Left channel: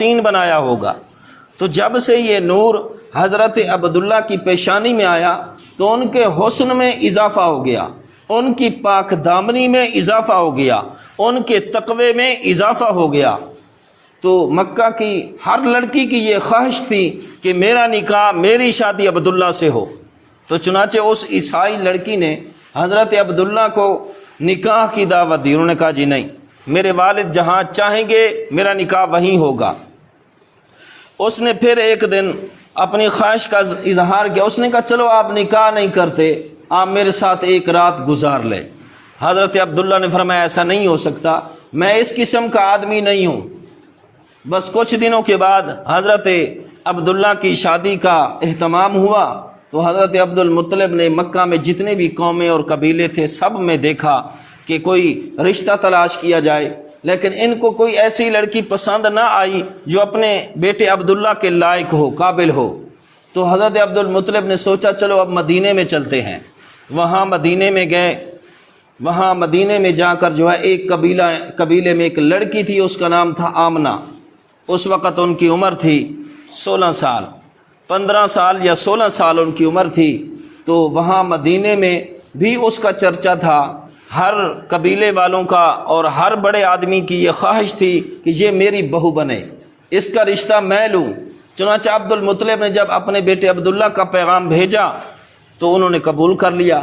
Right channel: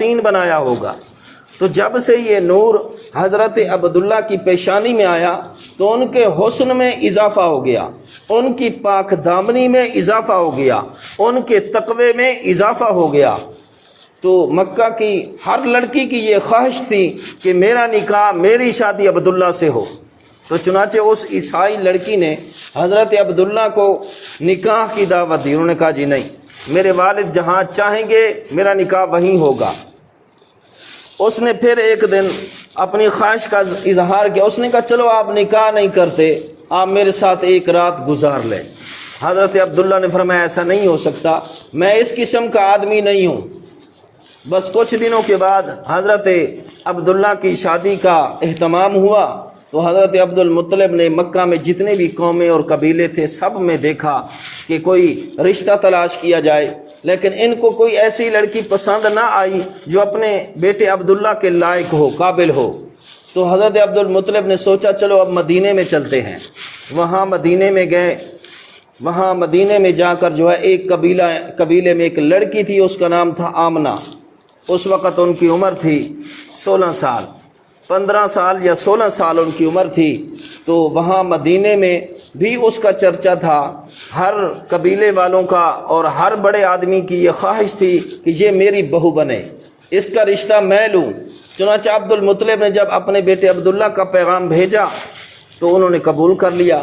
سین بنایا ہوگا۔ تو جب سے یہ نور حضرت عبداللہ کی پیشانی میں آیا تو ان کے حسن میں اضافہ ہو گیا، ان کی پاک دامنی میں اضافہ ہو گیا، ان کے تقوی میں اضافہ ہو گیا۔ تو مکہ کی ہر لڑکی کی یہ خواہش تھی کہ میرا نکاح، میری شادی عبداللہ سے ہو۔ تو چنانچہ اس عیسائی لڑکی نے حضرت عبداللہ کو نکاح کی دعوت دی۔ انہوں نے کہا جی نہیں، میرے والد جہاں چاہیں گے میرا نکاح وہیں ہوگا۔ اس نے پھر ایک دن اپنی خواہش کا اظہار کیا، اس نے کہا چلو آپ نکاح نہیں کرتے، آپ میرے ساتھ ایک رات گزار لیں۔ حضرت عبداللہ نے فرمایا ایسا نہیں ہو سکتا، میں اس قسم کا آدمی نہیں ہوں۔ بس کچھ دنوں کے بعد حضرت عبداللہ کی شادی کا اہتمام ہوا تو حضرت عبد المطلب نے مکہ میں جتنے بھی قومیں اور قبیلے تھے سب میں دیکھا کہ کوئی رشتہ تلاش کیا جائے، لیکن ان کو کوئی ایسی لڑکی پسند نہ آئی جو اپنے بیٹے عبداللہ کے لائق ہو، قابل ہو۔ تو حضرت عبد المطلب نے سوچا چلو اب مدینے میں چلتے ہیں۔ وہاں مدینے میں گئے، وہاں مدینے میں جا کر جو ہے ایک قبیلے میں ایک لڑکی تھی، اس کا نام تھا آمنہ۔ اس وقت ان کی عمر تھی 16 سال، 15 سال یا 16 سال ان کی عمر تھی۔ تو وہاں مدینے میں بھی اس کا چرچا تھا، ہر قبیلے والوں کا اور ہر بڑے آدمی کی یہ خواہش تھی کہ یہ میری بہو بنے، اس کا رشتہ میں لوں۔ چنانچہ عبد المطلب نے جب اپنے بیٹے عبداللہ کا پیغام بھیجا تو انہوں نے قبول کر لیا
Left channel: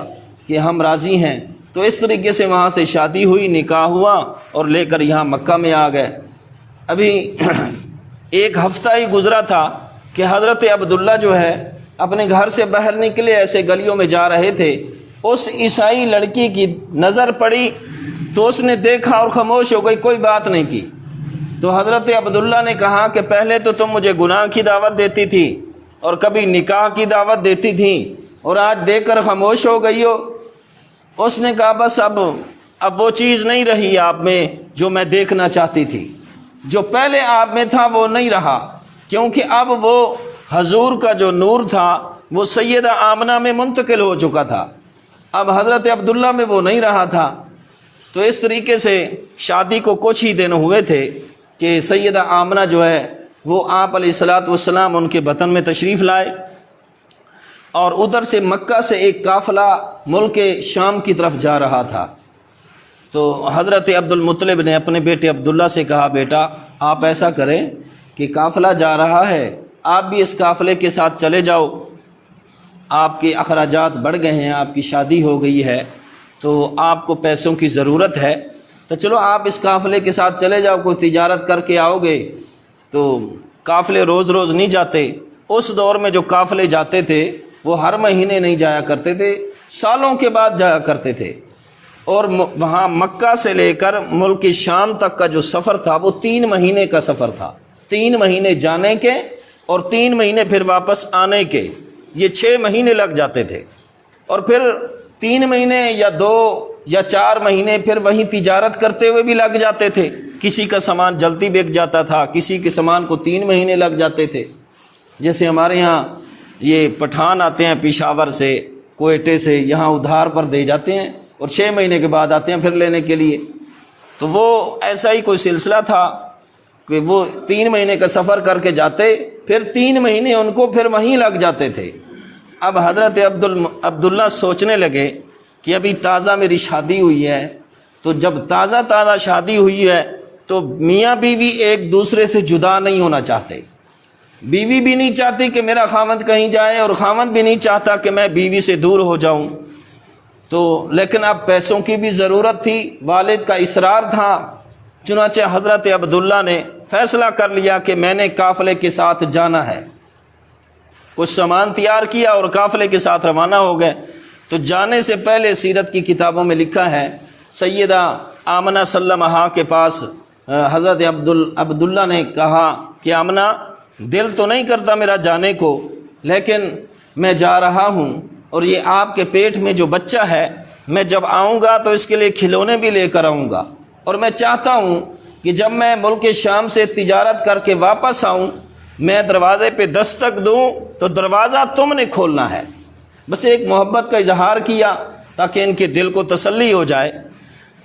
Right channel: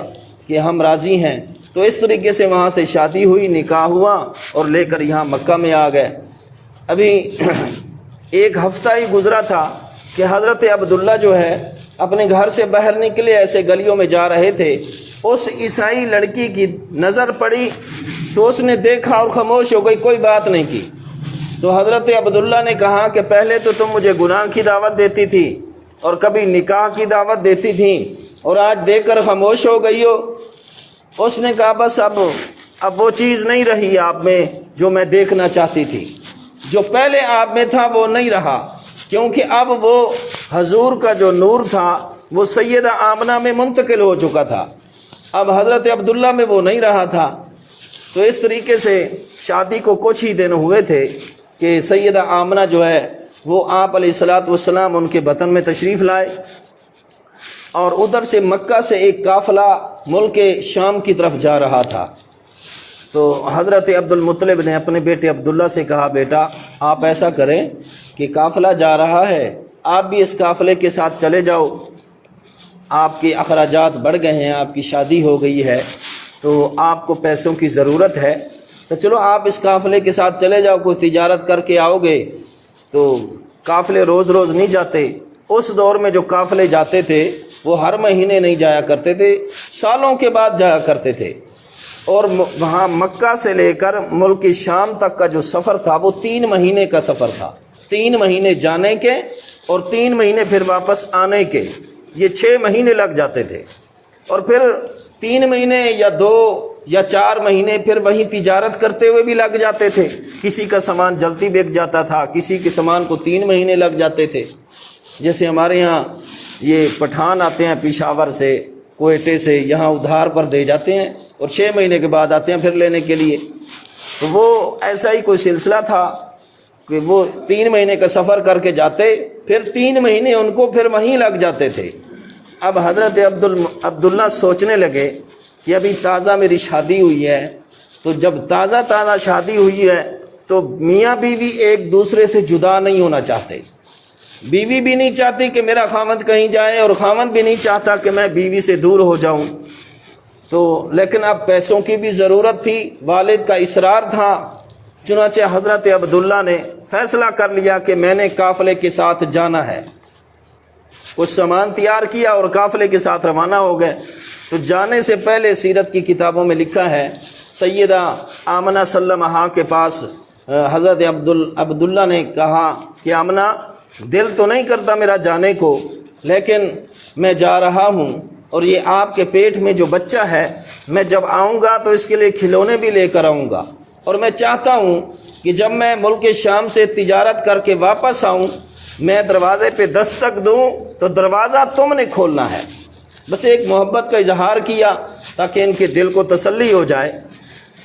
کہ ہم راضی ہیں۔ تو اس طریقے سے وہاں سے شادی ہوئی، نکاح ہوا اور لے کر یہاں مکہ میں آ گئے۔ ابھی ایک ہفتہ ہی گزرا تھا کہ حضرت عبداللہ جو ہے اپنے گھر سے باہر نکلے، ایسے گلیوں میں جا رہے تھے، اس عیسائی لڑکی کی نظر پڑی تو اس نے دیکھا اور خاموش ہو گئی، کوئی بات نہیں کی۔ تو حضرت عبداللہ نے کہا کہ پہلے تو تم مجھے گناہ کی دعوت دیتی تھی اور کبھی نکاح کی دعوت دیتی تھی اور آج دیکھ کر خاموش ہو گئی ہو۔ اس نے کہا بس اب وہ چیز نہیں رہی آپ میں جو میں دیکھنا چاہتی تھی، جو پہلے آپ میں تھا وہ نہیں رہا، کیونکہ اب وہ حضور کا جو نور تھا وہ سیدہ آمنہ میں منتقل ہو چکا تھا، اب حضرت عبداللہ میں وہ نہیں رہا تھا۔ تو اس طریقے سے شادی کو کچھ ہی دن ہوئے تھے کہ سیدہ آمنہ جو ہے وہ آپ علیہ الصلاۃ والسلام ان کے وطن میں تشریف لائے، اور ادھر سے مکہ سے ایک قافلہ ملک شام کی طرف جا رہا تھا۔ تو حضرت عبد المطلب نے اپنے بیٹے عبداللہ سے کہا بیٹا آپ ایسا کریں کہ قافلہ جا رہا ہے، آپ بھی اس قافلے کے ساتھ چلے جاؤ، آپ کے اخراجات بڑھ گئے ہیں، آپ کی شادی ہو گئی ہے تو آپ کو پیسوں کی ضرورت ہے، تو چلو آپ اس قافلے کے ساتھ چلے جاؤ، کوئی تجارت کر کے آؤ گے۔ تو قافلے روز روز نہیں جاتے، اس دور میں جو قافلے جاتے تھے وہ ہر مہینے نہیں جایا کرتے تھے، سالوں کے بعد جایا کرتے تھے، اور وہاں مکہ سے لے کر ملک شام تک کا جو سفر تھا وہ 3 مہینے کا سفر تھا، 3 مہینے جانے کے اور 3 مہینے پھر واپس آنے کے، یہ 6 مہینے لگ جاتے تھے، اور پھر 3 مہینے یا 2 یا 4 مہینے پھر وہیں تجارت کرتے ہوئے بھی لگ جاتے تھے، کسی کا سامان جلدی بک جاتا تھا، کسی کے سامان کو 3 مہینے لگ جاتے تھے۔ جیسے ہمارے ہاں یہ پٹھان آتے ہیں پشاور سے، کوئٹے سے، یہاں ادھار پر دے جاتے ہیں اور 6 مہینے کے بعد آتے ہیں پھر لینے کے لیے، تو وہ ایسا ہی کوئی سلسلہ تھا کہ وہ 3 مہینے کا سفر کر کے جاتے، پھر 3 مہینے ان کو پھر وہیں لگ جاتے تھے۔ اب حضرت عبداللہ سوچنے لگے کہ ابھی تازہ میری شادی ہوئی ہے، تو جب تازہ شادی ہوئی ہے تو میاں بیوی ایک دوسرے سے جدا نہیں ہونا چاہتے، بیوی بھی نہیں چاہتی کہ میرا خاوند کہیں جائے اور خاوند بھی نہیں چاہتا کہ میں بیوی سے دور ہو جاؤں۔ تو لیکن اب پیسوں کی بھی ضرورت تھی، والد کا اصرار تھا، چنانچہ حضرت عبداللہ نے فیصلہ کر لیا کہ میں نے قافلے کے ساتھ جانا ہے، کچھ سامان تیار کیا اور قافلے کے ساتھ روانہ ہو گئے۔ تو جانے سے پہلے سیرت کی کتابوں میں لکھا ہے سیدہ آمنہ سلمہ کے پاس حضرت عبداللہ نے کہا کہ آمنہ دل تو نہیں کرتا میرا جانے کو، لیکن میں جا رہا ہوں، اور یہ آپ کے پیٹ میں جو بچہ ہے میں جب آؤں گا تو اس کے لیے کھلونے بھی لے کر آؤں گا، اور میں چاہتا ہوں کہ جب میں ملک شام سے تجارت کر کے واپس آؤں میں دروازے پہ دستک دوں تو دروازہ تم نے کھولنا ہے۔ بس ایک محبت کا اظہار کیا تاکہ ان کے دل کو تسلی ہو جائے۔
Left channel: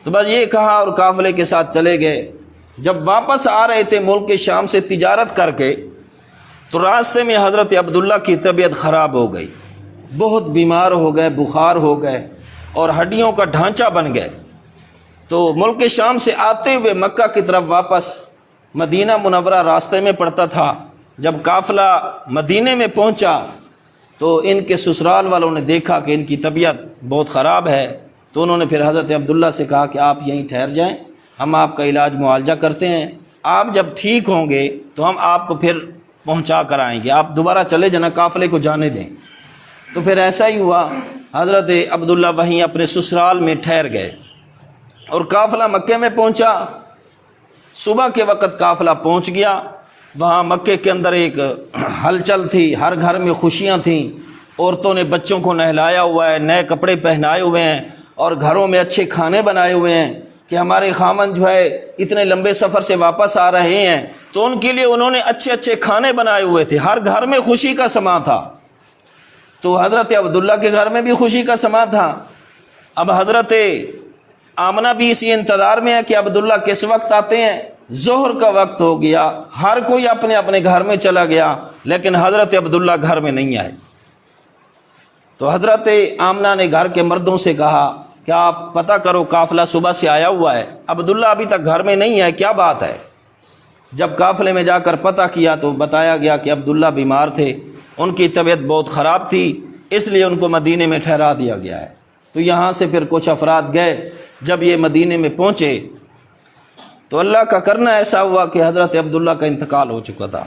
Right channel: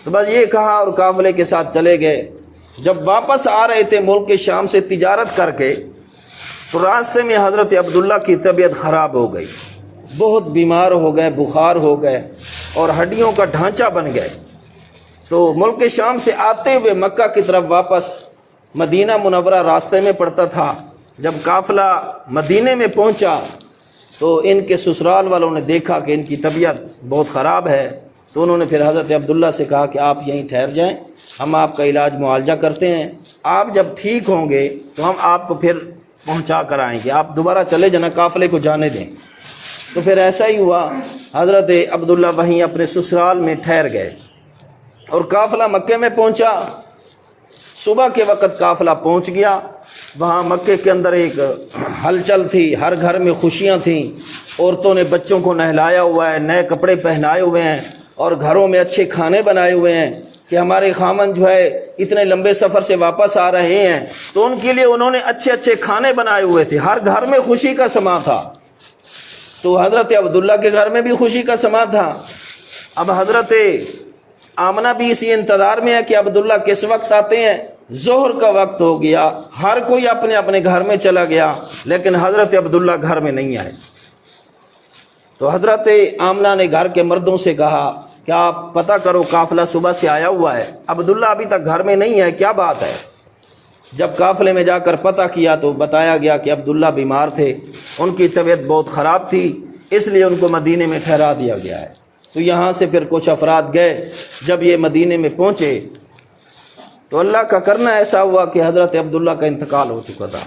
تو بس یہ کہا اور قافلے کے ساتھ چلے گئے، جب واپس آ رہے تھے ملک شام سے تجارت کر کے تو راستے میں حضرت عبداللہ کی طبیعت خراب ہو گئی، بہت بیمار ہو گئے، بخار ہو گئے اور ہڈیوں کا ڈھانچہ بن گئے۔ تو ملک شام سے آتے ہوئے مکہ کی طرف واپس مدینہ منورہ راستے میں پڑتا تھا۔ جب قافلہ مدینے میں پہنچا تو ان کے سسرال والوں نے دیکھا کہ ان کی طبیعت بہت خراب ہے، تو انہوں نے پھر حضرت عبداللہ سے کہا کہ آپ یہیں ٹھہر جائیں، ہم آپ کا علاج معالجہ کرتے ہیں، آپ جب ٹھیک ہوں گے تو ہم آپ کو پھر پہنچا کر آئیں گے، آپ دوبارہ چلے جانا، قافلے کو جانے دیں۔ تو پھر ایسا ہی ہوا، حضرت عبداللہ وہیں اپنے سسرال میں ٹھہر گئے اور قافلہ مکے میں پہنچا۔ صبح کے وقت قافلہ پہنچ گیا، وہاں مکے کے اندر ایک ہلچل تھی، ہر گھر میں خوشیاں تھیں، عورتوں نے بچوں کو نہلایا ہوا ہے، نئے کپڑے پہنائے ہوئے ہیں اور گھروں میں اچھے کھانے بنائے ہوئے ہیں کہ ہمارے خاوند جو ہے اتنے لمبے سفر سے واپس آ رہے ہیں، تو ان کے لیے انہوں نے اچھے اچھے کھانے بنائے ہوئے تھے، ہر گھر میں خوشی کا سما تھا۔ تو حضرت عبداللہ کے گھر میں بھی خوشی کا سما تھا۔ اب حضرت آمنہ بھی اسی انتظار میں ہے کہ عبداللہ کس وقت آتے ہیں۔ ظہر کا وقت ہو گیا، ہر کوئی اپنے اپنے گھر میں چلا گیا، لیکن حضرت عبداللہ گھر میں نہیں آئے۔ تو حضرت آمنہ نے گھر کے مردوں سے کہا کہ آپ پتہ کرو، قافلہ صبح سے آیا ہوا ہے، عبداللہ ابھی تک گھر میں نہیں ہے، کیا بات ہے؟ جب قافلے میں جا کر پتہ کیا تو بتایا گیا کہ عبداللہ بیمار تھے، ان کی طبیعت بہت خراب تھی، اس لیے ان کو مدینے میں ٹھہرا دیا گیا ہے۔ تو یہاں سے پھر کچھ افراد گئے، جب یہ مدینے میں پہنچے تو اللہ کا کرنا ایسا ہوا کہ حضرت عبداللہ کا انتقال ہو چکا تھا۔